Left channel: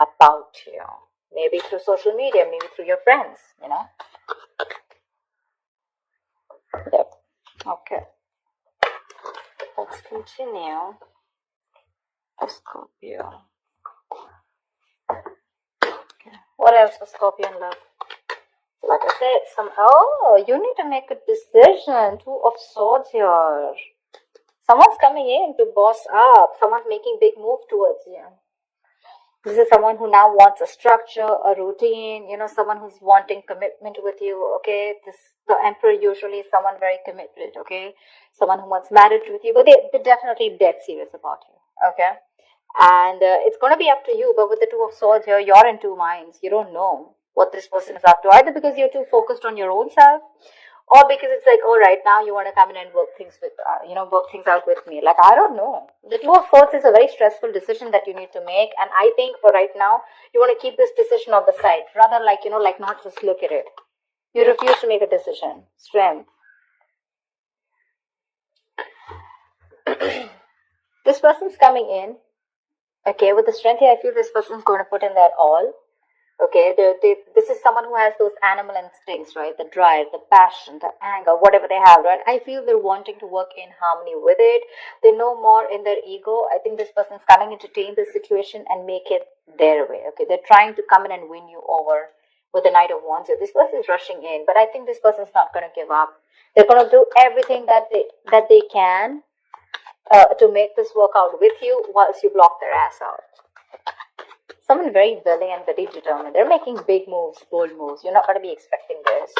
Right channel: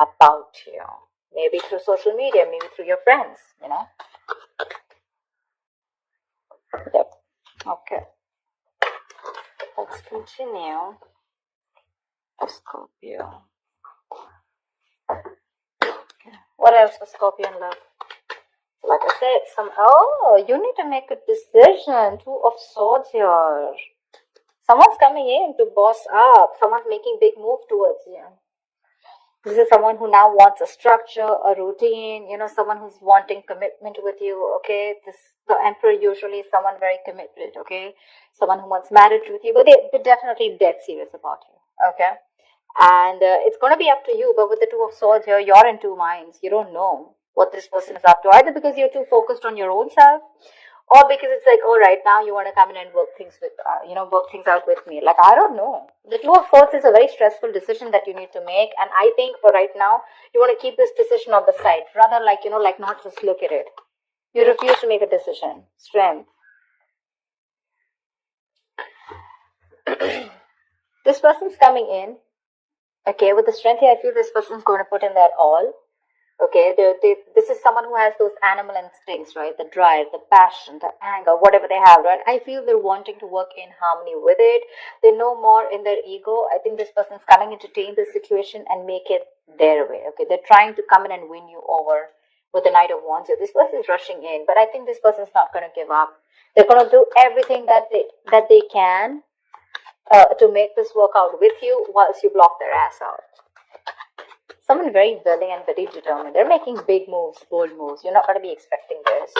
about you. Maybe through social media, maybe through your friends, you know. Yep. Okay. Let's continue. Scorpio. What else for Scorpio in love? Like I said, you need to make a decision. Two of Swords here. Someone's coming in to boss up. Someone's making big move towards you. This is someone who now wants a structure, a routine, someone who's wanting commitment with you, okay? The Emperor usually is someone very committed, okay? Someone who wants marriage with you, but they're definitely dead serious about you, okay? And it's going to be up to you, but with the Two of Swords here, you're in two minds. You don't know what this person is up to, either because you're too focused on your own self, or because it's like, all right, now you want to come in and work things out with me. Like, I don't know. The Two of Swords is a very stressful decision that you need to make. And I think for right now, you want to keep this decision on the side. Rather like not just look at it. You refuse to make a decision. Strength. This person's coming in. Okay, with the strength here, I feel this person's going to put in their all. Okay, this is someone who has those animal instincts, right? The drive, the passion, the anger, whatever they have, right? I feel they're wanting to work in harmony with it. They know more in their ego. I think this person's coming in to take this situation and make it their way. Okay, they're trying to come in and win you over with the Knight of Wands. So this person's rushing in, but I think this person's not going to give up. They're going to do everything that they can to make this work out with you, whilst you block their ass out. Someone very willing and very determined. They're making big moves, bold moves. You're not going to be expecting this.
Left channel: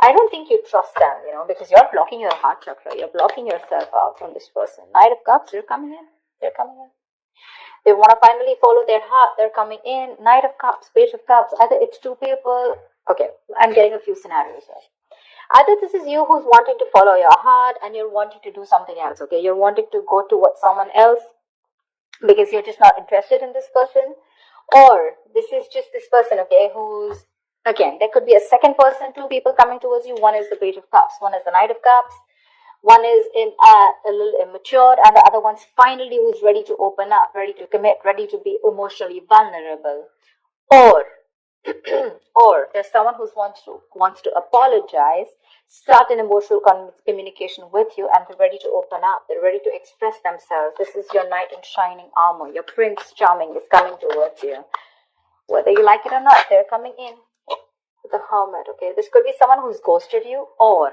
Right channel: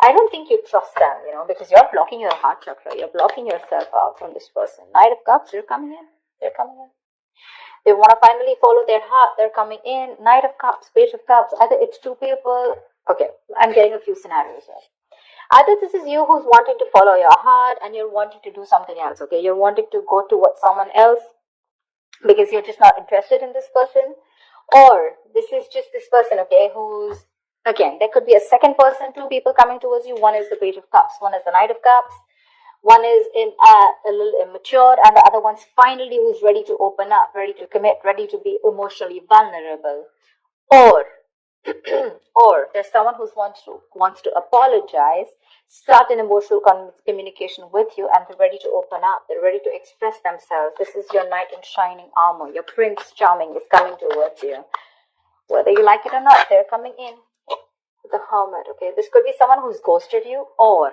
I don't think you trust them, because you're blocking your heart chakra. You're blocking yourself out from this person. Knight of Cups, they're coming in. They're coming in. They want to finally follow their heart. They're coming in. Knight of Cups, Page of Cups. Either it's two people. Okay, I'm getting a few scenarios here. Either this is you who's wanting to follow your heart and you're wanting to do something else, okay? You're wanting to go towards someone else because you're just not interested in this person. Or this is just this person, okay, who's, again, there could be a second person, two people coming towards you. One is the Page of Cups, one is the Knight of Cups, one is a little immature, and the other one's finally who's ready to open up, ready to commit, ready to be emotionally vulnerable. Or there's someone who wants to apologize, start an emotional communication with you, and they're ready to open up. They're ready to express themselves. This is your knight in shining armor. Your Prince Charming is coming towards you. Whether you like it or not, they're coming in. The Hermit, okay? This could be someone who's ghosted you, or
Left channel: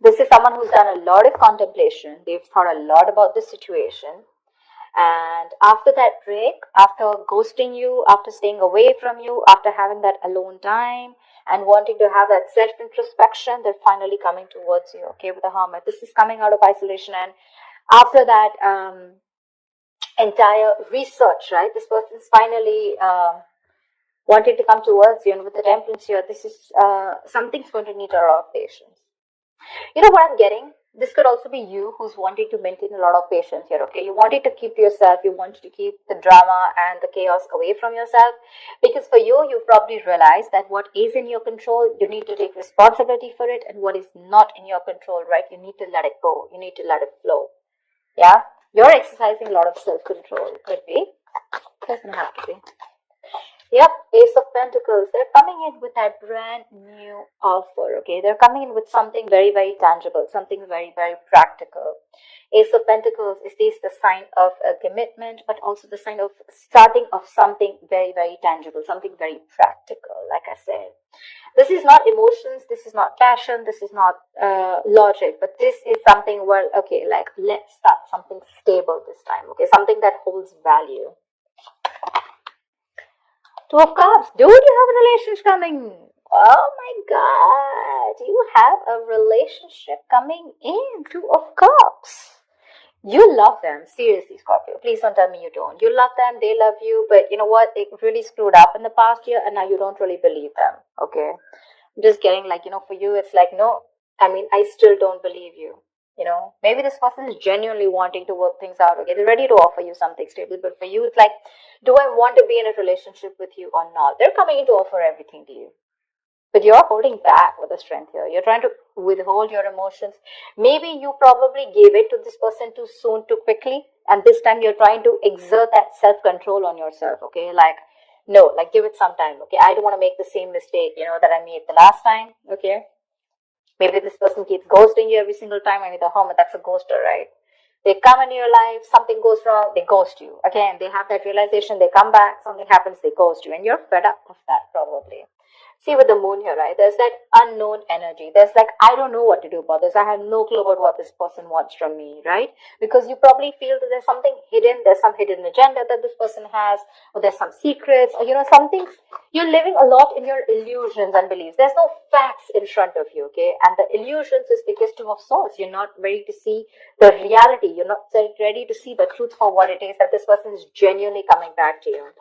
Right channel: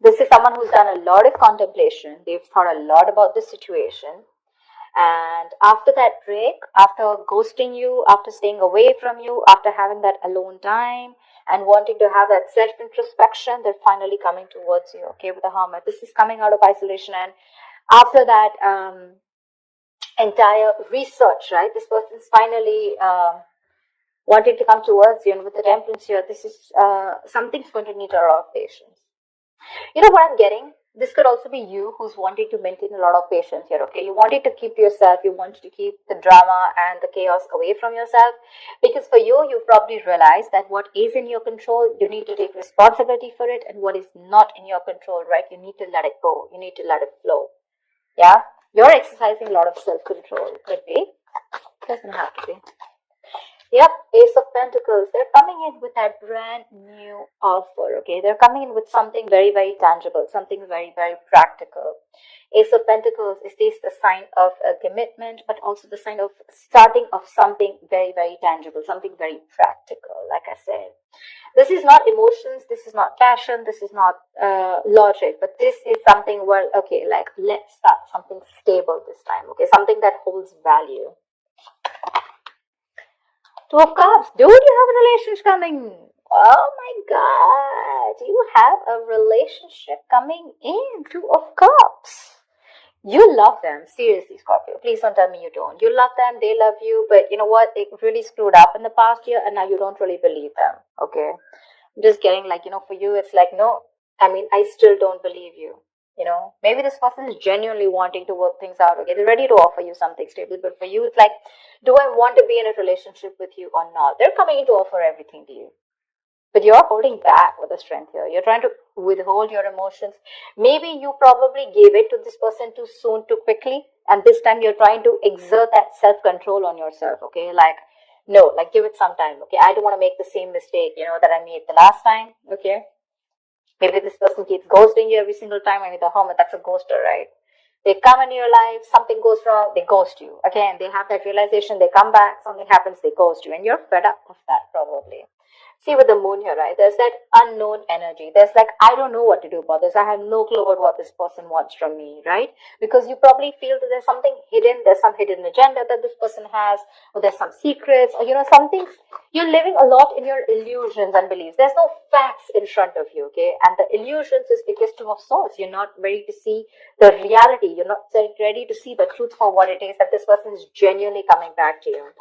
this is someone who's done a lot of contemplation. They've thought a lot about the situation. And after that break, after ghosting you, after staying away from you, after having that alone time and wanting to have that self-introspection, they're finally coming towards you, okay, with the Hermit. This is coming out of isolation, and after that entire research, right, this person is finally wanting to come towards you. And with the Temperance here, this is something's going to need a lot of patience. You know what I'm getting? This could also be you who's wanting to maintain a lot of patience here, okay? You wanted to keep yourself, you wanted to keep the drama and the chaos away from yourself, because for you, you've probably realized that what is in your control, you need to take responsibility for it, and what is not in your control, right, you need to let it go, you need to let it flow, yeah? You're exercising a lot of self-control, could be, doesn't have to be. Yeah, Ace of Pentacles, they're coming in with that brand new offer, okay? They're coming in with something very, very tangible, something very, very practical. Ace of Pentacles is this the sign of a commitment, but also the sign of starting of something very, very tangible, something very practical, like I said. This is not emotions, this is not passion, this is not logic, but this is something where, okay, like, let's start something stable this time, okay? Something that holds value. Two of Cups. Dude, you have a relationship coming. Oh my God. You have a relationship coming in. Two of Cups. You love them. Seriously, Scorpio. Please don't tell me you don't. You love them. They love you. But you know what? They really screwed up in the past year, and now you don't really believe them. Okay. I'm just getting like, for you, it's like, no. I still don't believe you. Maybe this person is genuinely wanting to work things out. Okay, they're ready to offer you something stable, but for you, it's like, do I want to be in a relationship with you or not? They're coming in to offer everything to you, but you're holding back with the strength here. You're trying to withhold your emotions. Maybe you probably gave it to this person too soon, too quickly, and this time you're trying to exert that self-control on yourself. Okay, like no, like give it some time, okay? I don't want to make the same mistake, that I made the last time, okay? Maybe this person keeps ghosting you every single time. Maybe the hermit, that's a ghoster, right? They come into your life, something goes wrong, they ghost you. Again, they have that realization, they come back, something happens, they ghost you, and you're fed up of that probably. See, with the moon here, right? There's that unknown energy. There's like, I don't know what to do about this. I have no clue about what this person wants from me, right? Because you probably feel that there's something hidden, there's some hidden agenda that this person has, or there's some secrets, or something. You're living a lot in your illusions and beliefs. There's no facts in front of you, okay? And the illusions is because Two of Swords. You're not ready to see the reality. You're not ready to see the truth for what it is, that this person is genuinely coming back to you.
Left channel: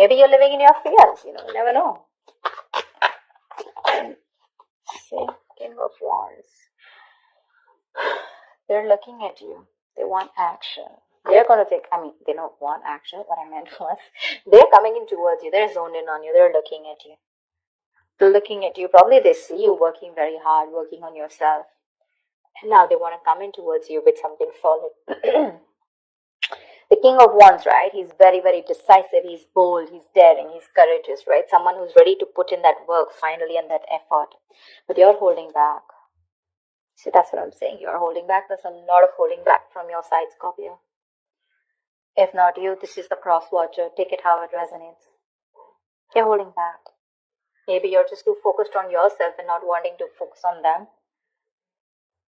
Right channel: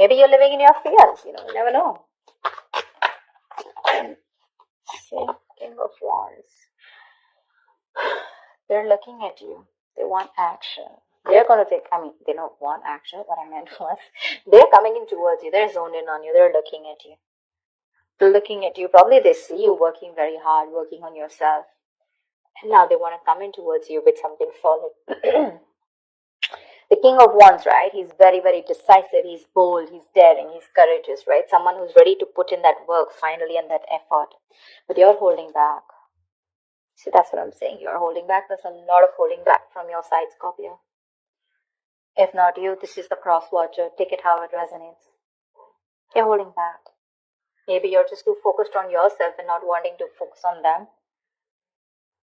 Maybe you're living in your fears, you never know. Okay, King of Wands. They're looking at you. They want action. They're going to take, they don't want action. What I meant was, they're coming in towards you. They're zoned in on you. They're looking at you. They're looking at you. Probably they see you working very hard, working on yourself. And now they want to come in towards you with something solid. The King of Wands, right? He's very, very decisive. He's bold. He's daring. He's courageous, right? Someone who's ready to put in that work finally and that effort. But you're holding back. See, that's what I'm saying. You're holding back. There's a lot of holding back from your side, Scorpio. If not you, this is the cross watcher. Take it how it resonates. You're holding back. Maybe you're just too focused on yourself and not wanting to focus on them.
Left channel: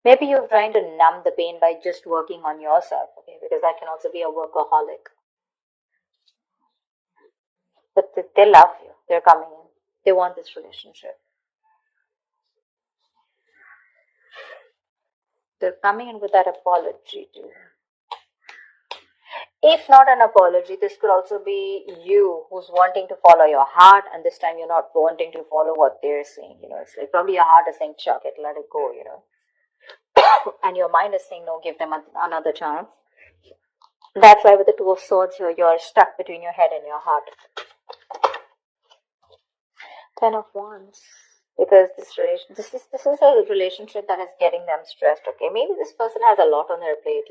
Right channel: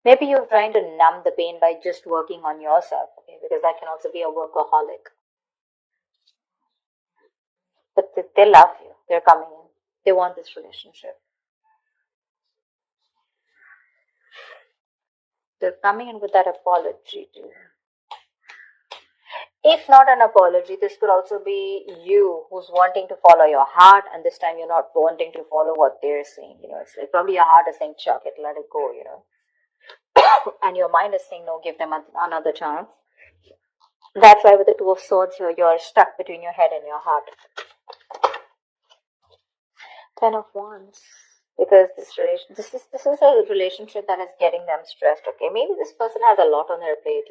Maybe you're trying to numb the pain by just working on yourself, okay? Because that can also be a workaholic. But they love you. They're coming in. They want this relationship. They're coming in with that apology too. If not an apology, this could also be you who's wanting to follow your heart, and this time you're not wanting to follow what they're saying. It's like probably your heart is saying, chuck it, let it go, and your mind is saying, no, give them another chance. That's why with the Two of Swords here, you're stuck between your head and your heart. Ten of Wands. Because this is a relationship that is getting them stressed, okay? Maybe this person has a lot on their plate,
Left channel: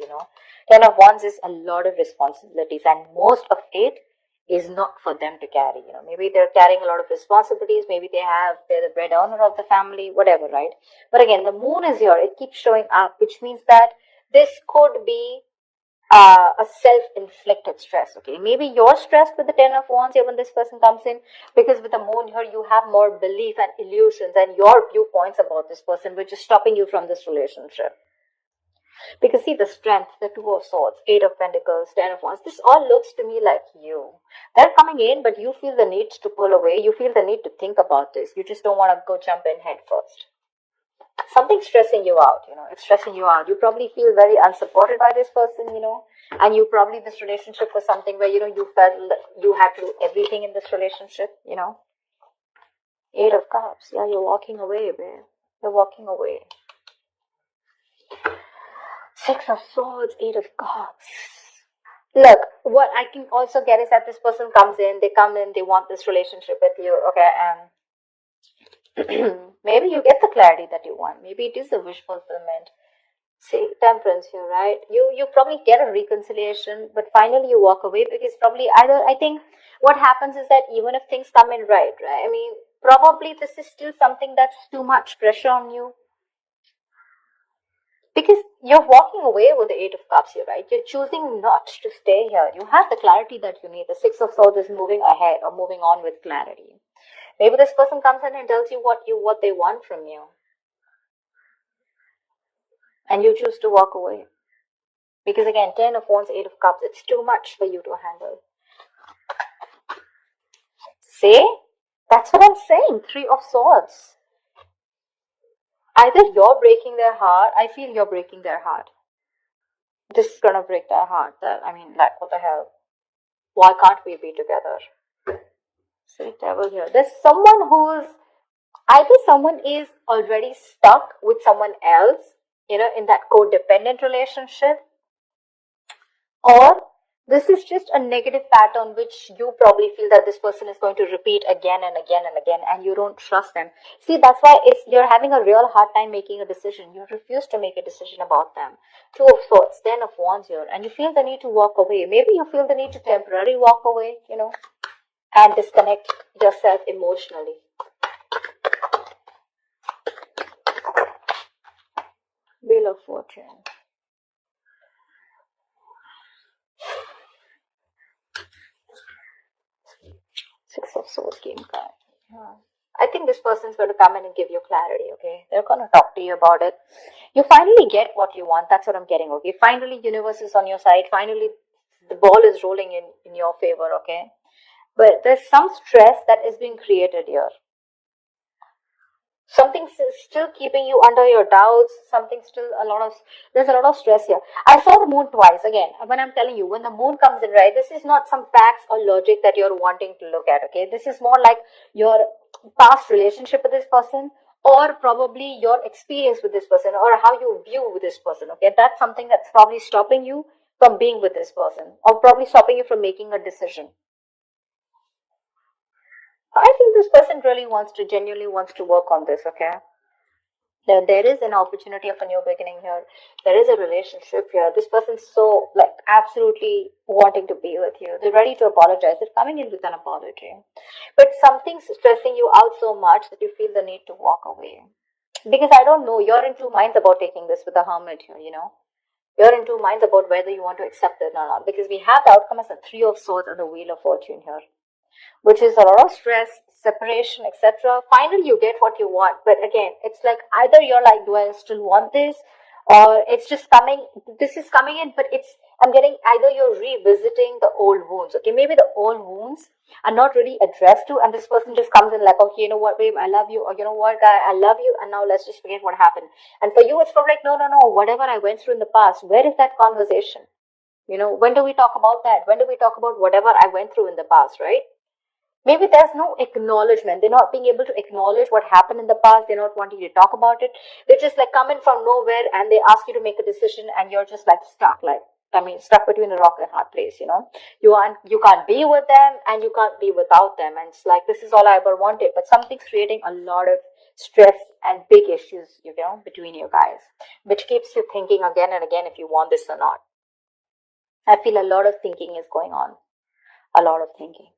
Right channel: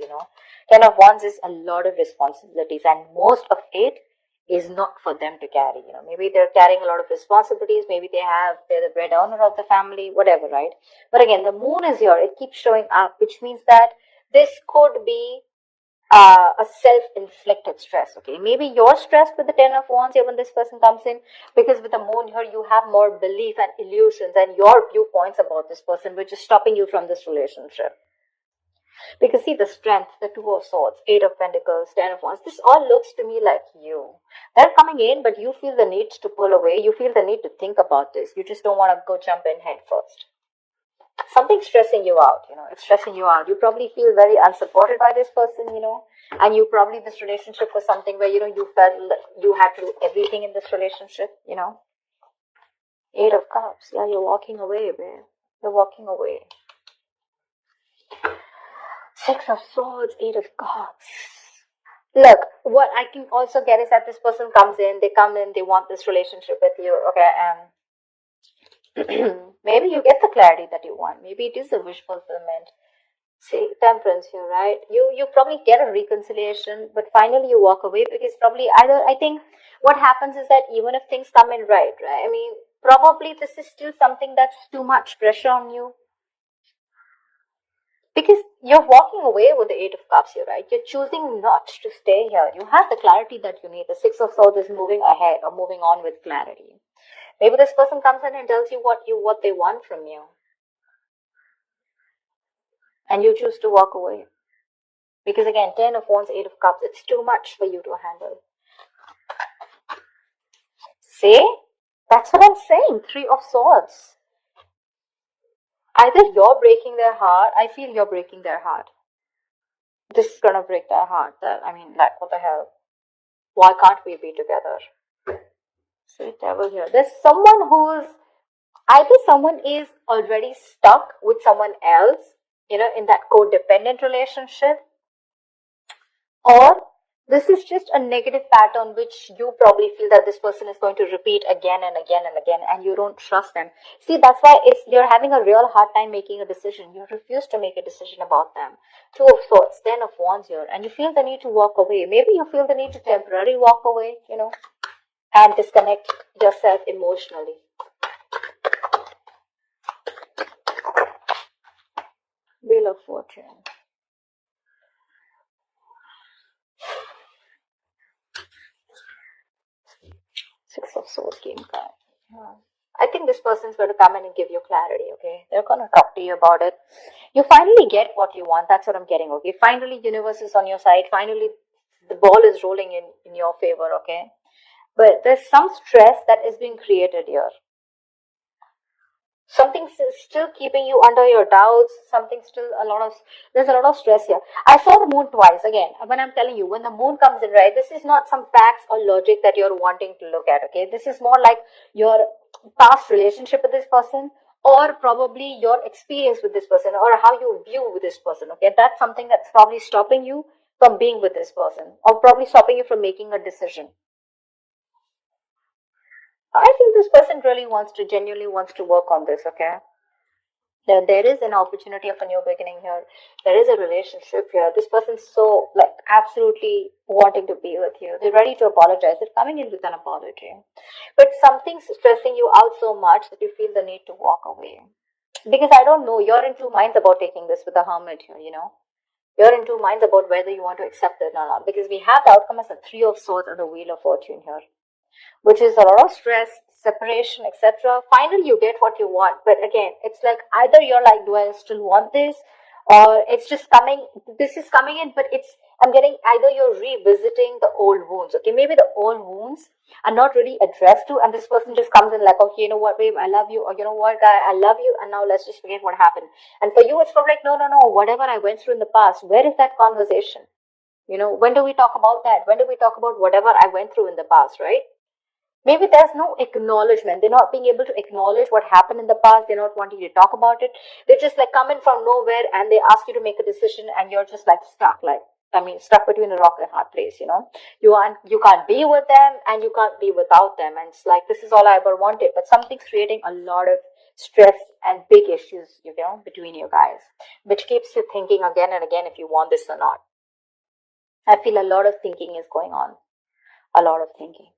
Ten of Wands is a lot of responsibilities, and most of it is not for them to carry, Maybe they're carrying a lot of responsibilities, maybe they're the breadwinner of the family, whatever, right? But again, the moon is here, it keeps showing up, which means that this could be a self-inflicted stress, okay? Maybe you're stressed with the Ten of Wands here when this person comes in, because with the moon here, you have more belief and illusions and your viewpoints about this person, which is stopping you from this relationship. Because see, the strength, the Two of Swords, Eight of Pentacles, Ten of Wands, this all looks to me like you. They're coming in, but you feel the need to pull away. You feel the need to think about this. You just don't want to go jump in head first. Something's stressing you out, it's stressing you out. You probably feel very unsupported by this person, and you probably, this relationship was something where, you felt you had to do everything in this relationship, Eight of Cups, yeah, you're walking away, babe. You're walking away. Six of Swords, Eight of Cups. Look, what I can also get is that this person comes in, they want this relationship with you, okay, maybe you get the clarity that you want. Maybe it is a wish fulfillment. See, Temperance here, right? You probably get a reconciliation, but finally you walk away because probably I think what happens is that even if things come in right? Probably this is still something that's too much pressure on you. Because you're walking away with the Eight of Cups here, right? You're choosing not to stay here. You have the clarity that you need. The Six of Swords is moving ahead or moving on with clarity. Maybe this person comes in and tells you what they want from you. And you choose to walk away. Because again, Ten of Wands, Eight of Cups, it's too much for you to handle. See? That's what I'm saying. Three of Swords. Either you're breaking their heart, I feel you're breaking their heart. This is gonna break their heart. What the hell? Why can't we be together? See, Devil here. There's someone either someone is already stuck with someone else, in that codependent relationship, or this is just a negative pattern which you probably feel that this person is going to repeat again and again and again, and you don't trust them. See, that's why you're having a real hard time making a decision. You refuse to make a decision about them. Two of Swords, Ten of Wands here, and you feel the need to walk away. Maybe you feel the need to temporarily walk away, and disconnect yourself emotionally. Wheel of Fortune. Six of Swords came back. I think this person's going to come in and give you clarity, okay? They're going to talk to you about it. You finally get what you want. That's what I'm getting, okay? Finally, universe is on your side. Finally, the ball is rolling in your favor, okay? But there's some stress that is being created here. Something's still keeping you under your doubts. There's a lot of stress here. I saw the moon twice. Again, when I'm telling you, when the moon comes in, right, this is not some facts or logic that you're wanting to look at, okay? This is more like your past relationship with this person, or probably your experience with this person, or how you view with this person, okay? That's something that's probably stopping you from being with this person, or probably stopping you from making a decision. I think this person really genuinely wants to work on this, okay? There is an opportunity of a new beginning here. There is a relationship here. This person's so, like, absolutely wanting to be with you. They're ready to apologize. They're coming in with an apology. But something's stressing you out so much that you feel the need to walk away. Because I don't know, you're in two minds about taking this with the hermit here, you know? You're in two minds about whether you want to accept it or not. Because we have the outcome as a Three of Swords and the Wheel of Fortune here, which is a lot of stress, separation, etc. Finally, you get what you want. But again, it's like either you're like, do I still want this? Or it's just coming, this is coming in, but I'm getting either you're revisiting the old wounds. Okay, maybe the old wounds are not really addressed to, and this person just comes in like, okay, you know what, babe, I love you, or you know what, guy, I love you, and now let's just forget what happened. And for you, it's from like, no, no, no, whatever I went through in the past, where is that conversation? You know, when do we talk about that? When do we talk about whatever I went through in the past, right? Maybe there's no acknowledgement. They're not being able to acknowledge what happened in the past. They're not wanting to talk about it. They just like come in from nowhere and they ask you to make a decision and you're just like stuck, stuck between a rock and a hard place, you know. You can't be with them and you can't be without them. And it's like, this is all I ever wanted. But something's creating a lot of stress and big issues, you know, between you guys, which keeps you thinking again and again if you want this or not. I feel a lot of thinking is going on. A lot of thinking.